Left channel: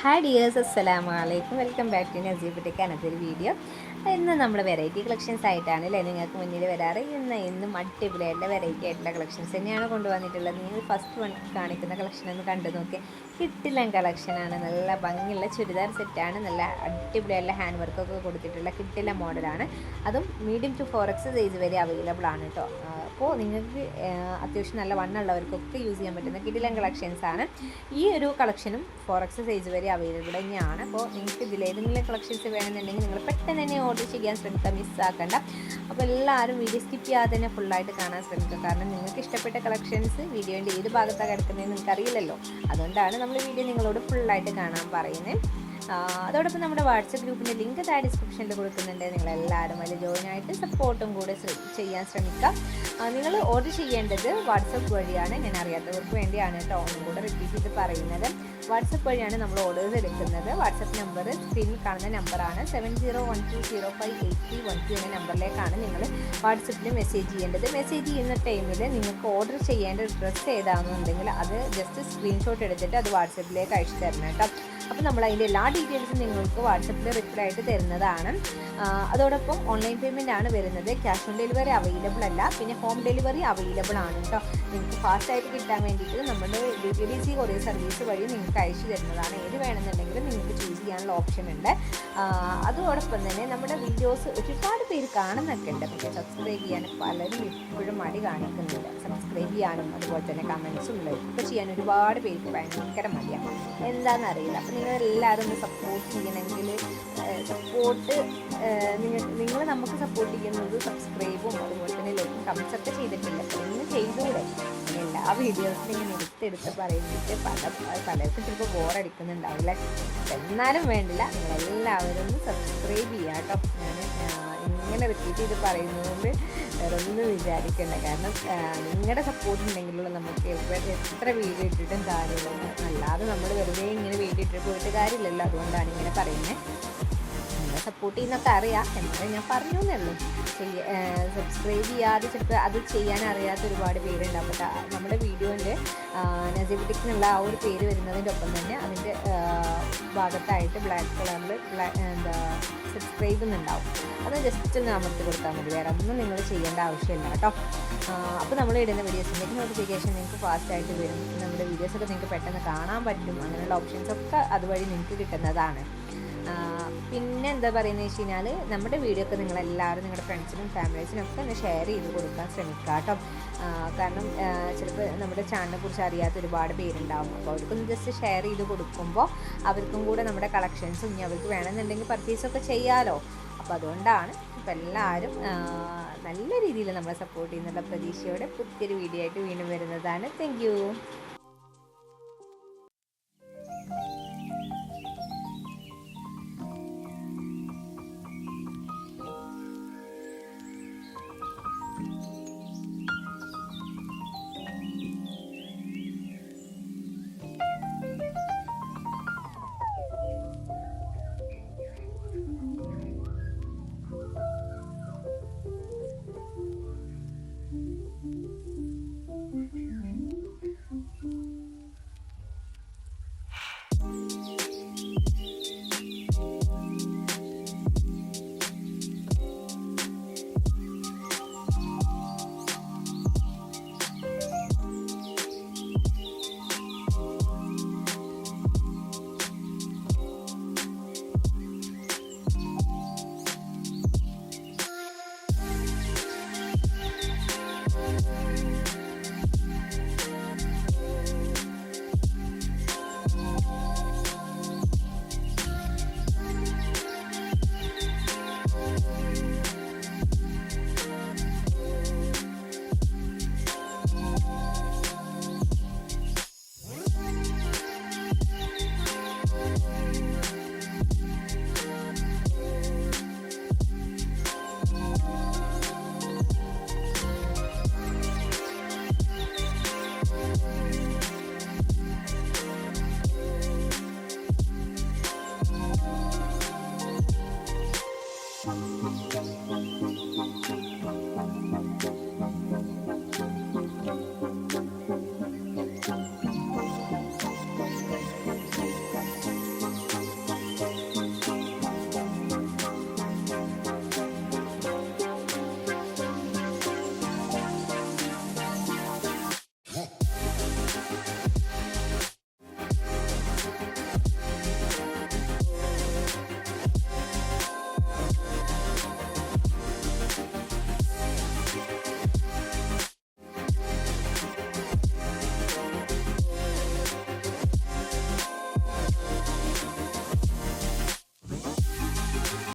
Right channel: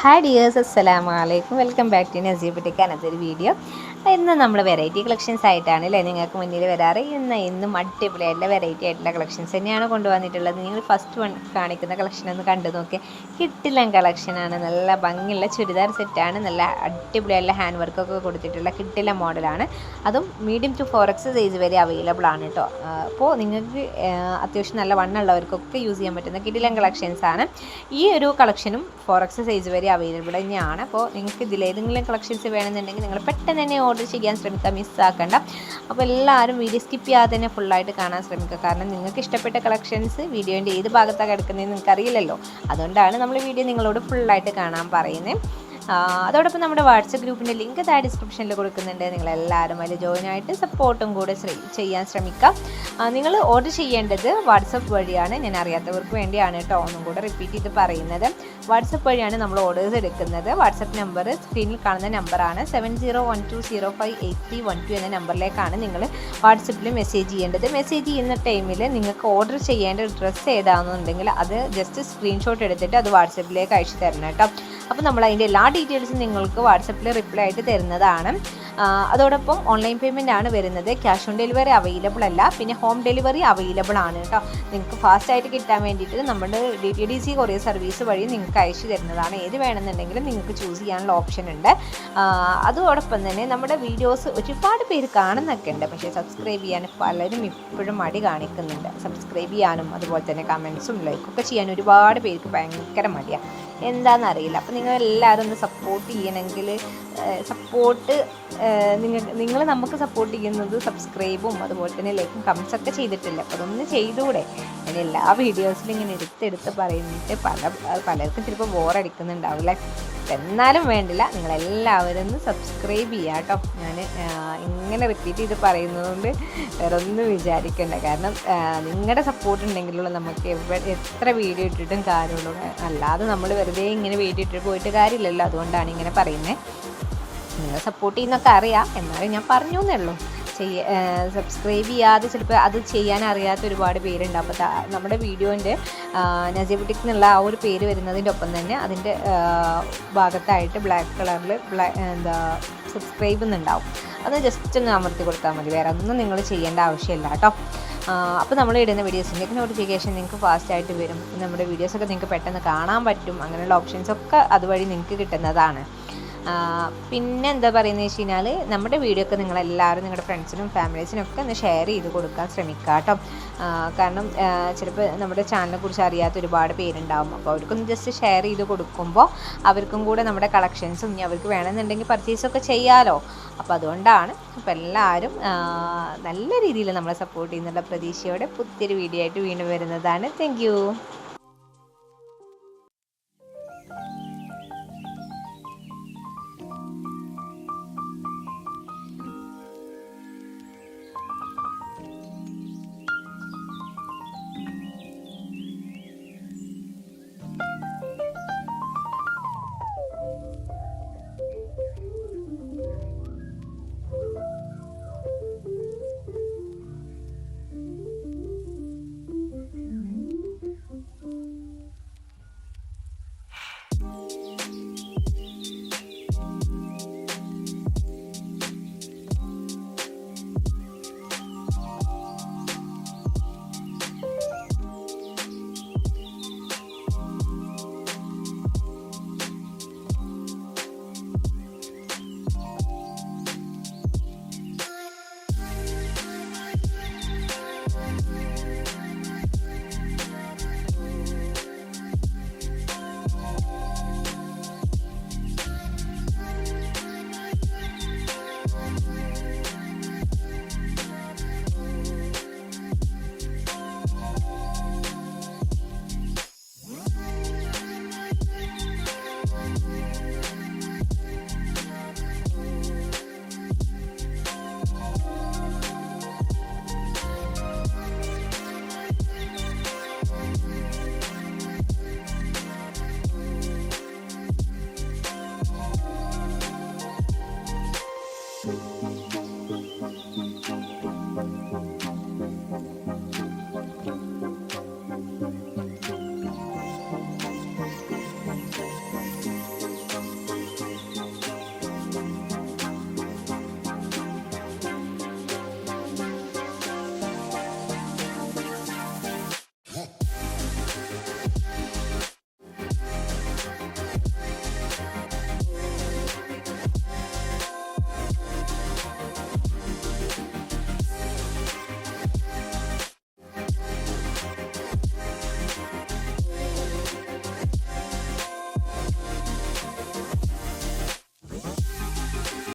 Hi dears, അസ്സലാമു അലൈക്കും. Welcome back to Naseer boutique. അനത്തൊരു വീഡിയോ. ഇന്ന് നമ്മൾ വെറൈറ്റി കളക്ഷൻസ് ആയിട്ടാണ് അല്ലേ നിങ്ങൾക്ക് മുന്നിൽ വരാറ്. ഇന്നും അടിപൊളിയായിട്ടുള്ള വെറൈറ്റി ആയിട്ടുള്ള കളക്ഷൻസ് തന്നെയാണ് കൊണ്ടുവന്നിട്ടുള്ളത്. നിങ്ങൾ ഫസ്റ്റ് കാണിക്കുന്ന കളക്ഷൻ ഒന്ന് കണ്ടു നോക്കി. കിട്ടില്ലൻ കളക്ഷനാണ്. നല്ല ഭംഗിയുള്ള ചുരിദാർ സെറ്റാണ്. നല്ല അടിപൊളിയായിട്ടുള്ള ഹാൻഡ് വർക്കൊക്കെ കൊടുത്തിട്ടുള്ള കിട്ടില്ല മോഡലാണ്. അതും മീഡിയം ടു 4X സൈസ് വരെ അവൈലബിൾ ആണ് കേട്ടോ. അപ്പോൾ നിങ്ങൾക്ക് അത്യാവശ്യം നല്ല വണ്ണുള്ളവർക്കൊക്കെ യൂസ് ചെയ്യാൻ പറ്റുന്ന കിടിലൻ കളക്ഷൻസ് ആണ്. ഈ ഒരു കളക്ഷനും 4X സൈസ് വരെ അവൈലബിൾ തന്നെയാണ്. അപ്പോൾ നിങ്ങൾക്ക് ഇതിലേതെങ്കിലും കളക്ഷൻസ് വേണമെന്നുണ്ടെങ്കിൽ നിങ്ങൾ പെട്ടെന്ന് തന്നെ ഓർഡർ ചെയ്യാൻ ശ്രമിക്കുക, മിസ്സാക്കണ്ട. അപ്പോൾ എല്ലാവരും വീഡിയോ സ്കിപ്പ് ചെയ്യാതെ തന്നെ ഫുള്ളായിട്ട് കാണാൻ ശ്രമിക്കുക. കാരണം നിങ്ങൾക്ക് ഇഷ്ടപ്പെട്ട കളക്ഷൻസ് വീഡിയോൻ്റെ ഏത് ഭാഗത്താണ് കിടക്കുന്നതെന്ന് നിങ്ങൾക്ക് അറിയില്ലല്ലോ. അതുകൊണ്ടാണ് നമ്മൾ വീഡിയോ നിങ്ങളോട് ഫുള്ളായിട്ട് കാണാൻ പറയുന്നത്. അതോടൊപ്പം നമ്മുടെ വാട്സപ്പ് ഗ്രൂപ്പിൻ്റെ ലിങ്ക് താഴെ ഡിസ്ക്രിപ്ഷനിൽ കൊടുക്കുന്നുണ്ട്. നിങ്ങളെല്ലാവരും അതിൽ ജോയിൻ ആയിട്ട് സപ്പോർട്ടും കൂടെ ചെയ്യാൻ ശ്രമിക്കാം. നിങ്ങൾ ഓർഡർ ചെയ്യേണ്ടത് വാട്സപ്പ് വഴിയാണ്. ഞാൻ അറിയാത്തവർക്ക് വേണ്ടിയാണ് കേട്ടോ ഒന്നും കൂടെ റിപ്പീറ്റ് ചെയ്ത് പറയുന്നത്. വാട്സപ്പ് വഴിയാണ് നമ്മൾ ഓർഡേഴ്സ് എടുക്കുന്നത്. വാട്സപ്പ് നമ്പർ സ്ക്രീനിൽ കാണുന്ന നമ്പറാണ് 7012058312 എന്ന നമ്പറിലേക്കാണ് നിങ്ങൾ വാട്സപ്പിൽ മെസ്സേജ് ചെയ്യേണ്ടത്. മെസ്സേജ് ചെയ്യുന്ന ടൈമിൽ നിങ്ങൾക്ക് ഓർഡർ ചെയ്യേണ്ട ഡ്രസ്സ് ഏതാണെന്നുണ്ടെങ്കിൽ അത് ജസ്റ്റ് സ്ക്രീൻഷോട്ട് എടുത്തിട്ട് അത് വാട്സപ്പിലേക്ക് അയച്ചു തരണം കേട്ടോ. അപ്പോൾ നമ്മൾ അതിൻ്റെ എല്ലാ ഡീറ്റെയിൽസും നിങ്ങൾക്ക് വാട്സപ്പിൽ റിപ്ലൈ ആയിട്ട് തരുന്നതാണ്. അതോടൊപ്പം ഓൺലൈൻ പേയ്മെൻ്റ് ആണ് വരുന്നത്. ക്യാഷ് ഓൺ ഡെലിവറി അവൈലബിൾ അല്ല. പിന്നെ ഹോം ഡെലിവറി അവൈലബിൾ ആണ് കേട്ടോ. നിങ്ങൾക്ക് ഫാസ്റ്റായിട്ട് കിട്ടാൻ വേണ്ടിയിട്ട് നമ്മുടെ DTDC കൊറിയർ സർവീസ് വഴി നിങ്ങൾക്ക് അയച്ചു തരുന്നതാണ്. ഏത് വേണമെന്നുണ്ടെങ്കിലും നിങ്ങൾക്ക് ചൂസ് ചെയ്യാനുള്ള ഓപ്ഷൻ ഉണ്ട്. അതോടൊപ്പം തന്നെ നമ്മുടെ വീഡിയോസ് ഒരുപാട് പേര് കാണുന്നൊക്കെ ഉണ്ട്. പക്ഷേ സബ്സ്ക്രൈബ് ചെയ്യാൻ പലരും ഇപ്പോഴും മടി കാണിക്കുന്നുണ്ട്. സബ്സ്ക്രൈബ് ചെയ്യാനും അതുപോലെ തന്നെ കമൻസും ലൈക്കൊക്കെ ചെയ്യാൻ ഒരുപാട് പേർക്ക് ഭയങ്കര മടിയാണ്. എന്താണെന്നറിയില്ല. അപ്പോൾ നിങ്ങളെല്ലാവരും ഒന്ന് സപ്പോർട്ട് ചെയ്യണമെങ്കിൽ നിങ്ങൾ നമുക്ക് സപ്പോർട്ട് ചെയ്യുന്നത് സബ്സ്ക്രൈബും അതുപോലെ തന്നെ ലൈക്കും കമൻസൊക്കെ ചെയ്തിട്ടില്ല. അപ്പോൾ അതൊന്ന് ചെയ്തുകൂടെ? അതിന് എല്ലാ വീഡിയോസിലും ഇങ്ങനെ എടുത്ത് പറയുന്നിട്ട് പലർക്കും ചിലപ്പോൾ ബോറടിക്കുന്നുണ്ടാവില്ല. എന്നാലും വേണ്ടില്ല, നിങ്ങളെല്ലാവരും ഒന്ന് സബ്സ്ക്രൈബ് ചെയ്യുക കേട്ടോ. ഞാൻ ഇങ്ങനെ റിപ്പീറ്റ് ചെയ്ത് പറയുന്നതുകൊണ്ട് വേറെ ഒന്നും വിചാരിക്കേണ്ട. കാരണം നിങ്ങളുടെ സപ്പോർട്ട് ഉണ്ടെങ്കിലുള്ള നമുക്ക് എത്ര വീഡിയോ ഇട്ടിട്ടും കാര്യമുള്ളൂ. അല്ലാതെ നമ്മൾ വെറുതെ ഇങ്ങനെ വീഡിയോ ഇട്ടിട്ട് പോയിട്ട് കാര്യമില്ലല്ലോ. അതുകൊണ്ടാണ് ഇങ്ങനെ പറയുന്നത്. നിങ്ങൾ സപ്പോർട്ട് ചെയ്യുന്നൊക്കെ അറിയാം, എന്നാലും ഞാൻ പറഞ്ഞു എന്നേ ഉള്ളൂ. സബ്സ്ക്രൈബ് ചെയ്യാതെ ചിലപ്പോൾ അത് ചെയ്യാൻ അറിയാത്ത ഒരുപാട് പേരുണ്ട്. അപ്പോൾ നമ്മുടെ വീഡിയോൻ്റെ നസീർ ബുട്ടിക്ക് എന്നുള്ള ആ ഒരു പേര് വരുന്നതിൻ്റെ ഒപ്പം തന്നെ അതിൻ്റെ ഭാഗത്തായിട്ട് ബ്ലാക്ക് കളറിൽ സബ്സ്ക്രൈബ് എന്നുണ്ടാവും. അത് ജസ്റ്റ് ഒന്ന് അമർത്തി കൊടുത്താൽ മതി. വേറെ ഒന്നും നിങ്ങൾ ചെയ്യേണ്ട ആവശ്യമില്ല കേട്ടോ. അപ്പോൾ നമ്മൾ ഇടുന്ന വീഡിയോസിൻ്റെയൊക്കെ നോട്ടിഫിക്കേഷൻ നിങ്ങൾക്ക് ഫാസ്റ്റായിട്ട് വരും. നമ്മുടെ വീഡിയോസൊക്കെ നിങ്ങൾക്ക് പെട്ടെന്ന് കാണാൻ പറ്റും. അങ്ങനെയുള്ള ഓപ്ഷൻസൊക്കെ അതുവഴി നിങ്ങൾക്ക് കിട്ടുന്നതാണ്. പിന്നെ എന്താ പറയുന്നത് വെച്ച് കഴിഞ്ഞാൽ നമ്മുടെ വീഡിയോ ഒക്കെ നിങ്ങളെല്ലാവരും നിങ്ങളുടെ ഫ്രണ്ട്സിനും ഫാമിലീസിനും ഒക്കെ ഒന്ന് ഷെയർ ചെയ്ത് കൊടുക്കാൻ ശ്രമിക്കുക കേട്ടോ. കാരണം ചിലപ്പോൾ നമ്മുടെ ചാനലിനെ കുറിച്ച് അറിയാത്ത ഒരുപാട് പേരുണ്ടാവും. അപ്പോൾ അവർക്കൊന്ന് ജസ്റ്റ് ഷെയർ ചെയ്ത് കൊടുക്കുമ്പോൾ അവർക്കും കൂടെ നമ്മുടെ കളക്ഷൻസും ഇനി അവർക്ക് വേണമെന്നുണ്ടെങ്കിൽ പർച്ചേസൊക്കെ ചെയ്യാമല്ലോ. അപ്പോൾ അതുകൊണ്ടാണ്. അപ്പോൾ എല്ലാവരും നല്ല രീതിയിൽ നമ്മളെ സപ്പോർട്ട് ചെയ്യുന്നുള്ള പ്രതീക്ഷയോടെ പുതിയൊരു വീഡിയോ ആയിട്ട് വീണ്ടും വരുന്നതാണ്. Thank you.